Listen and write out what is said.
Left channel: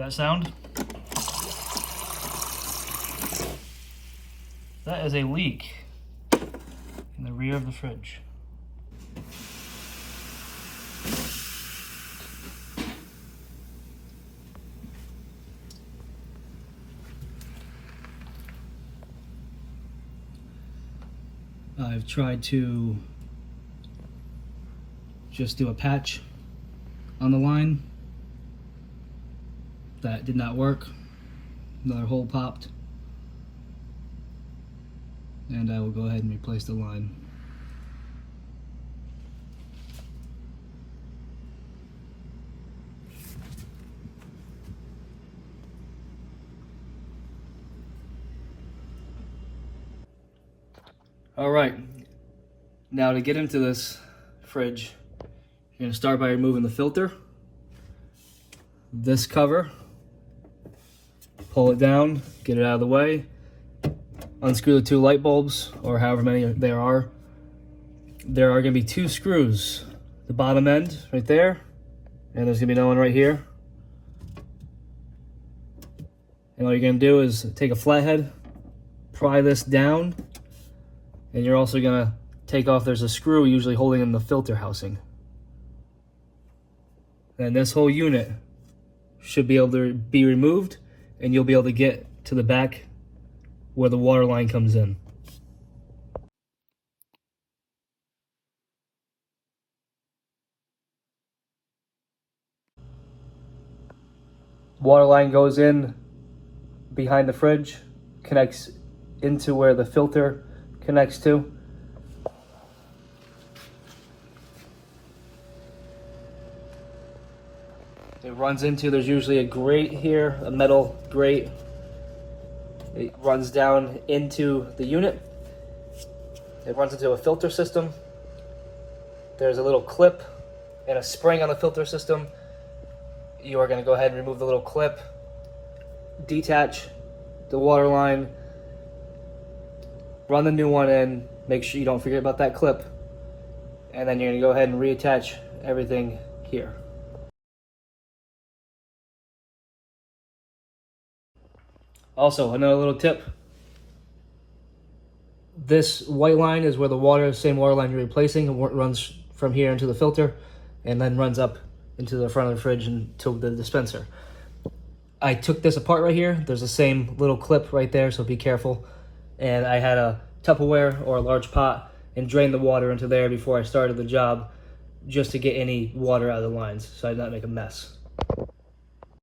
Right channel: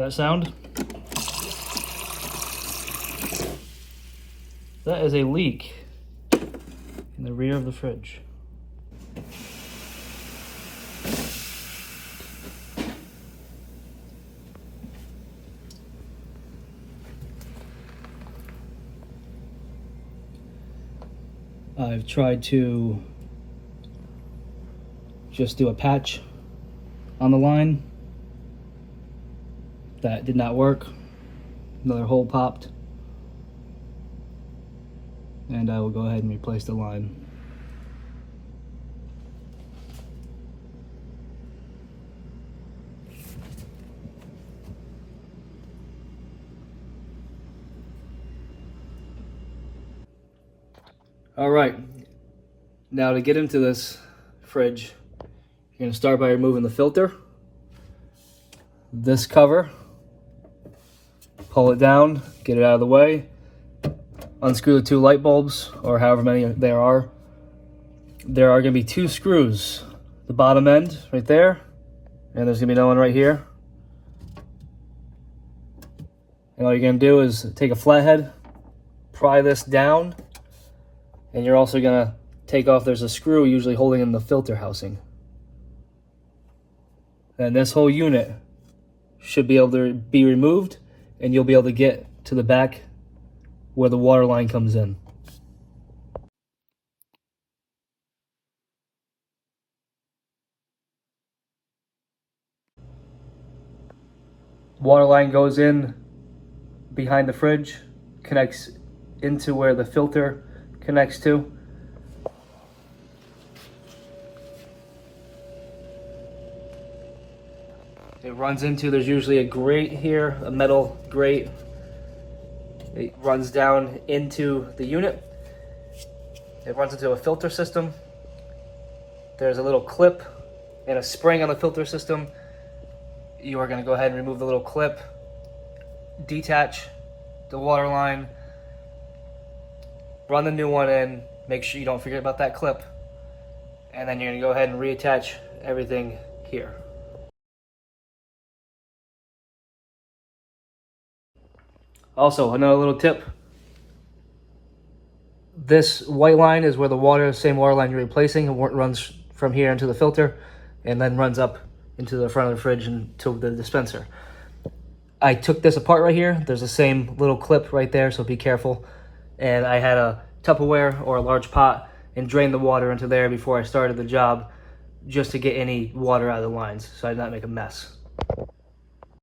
that sound? That is a leak in the rear of the fridge. I've tried to just do a patch on the line. That did not work. Another hole popped. And I will go ahead and replace the line. All right, now to get into this fridge, you're gonna start by removing the filter. This cover, pull it down, get it out of the way, unscrew the 2 light bulbs, or however many there are. There are gonna be 2 screws, the bottom end right there, and there's gonna be another one right here. And all you're gonna do is take a flathead, pry this down, and you're also gonna take off, there's a screw usually holding in the filter housing. And this whole unit should be able to be removed, and you'll be able to get to the back where the water line comes in. Water line goes in behind the fridge, connects into where the filter connects to. It runs into, there's usually a grate here, a metal grate. It runs down into the unit. It runs into a filter system. There's a little clip and a spring on the filter system. You are going to go ahead and remove the little clip, detach the water line, run the new one in, make sure you don't forget about that clip, and then you're going to go ahead and reattach everything here. Also, another little tip. This white line is where the water, same water line you're replacing, it runs from here into the filter and then runs up into the front of the fridge and to the dispenser. I took this apart right here. There's the same little clip right there, so be careful. And I had a Tupperware or a large pot and drained the water into there before I started the job, just to get any water out of the lines so I did not make a mess.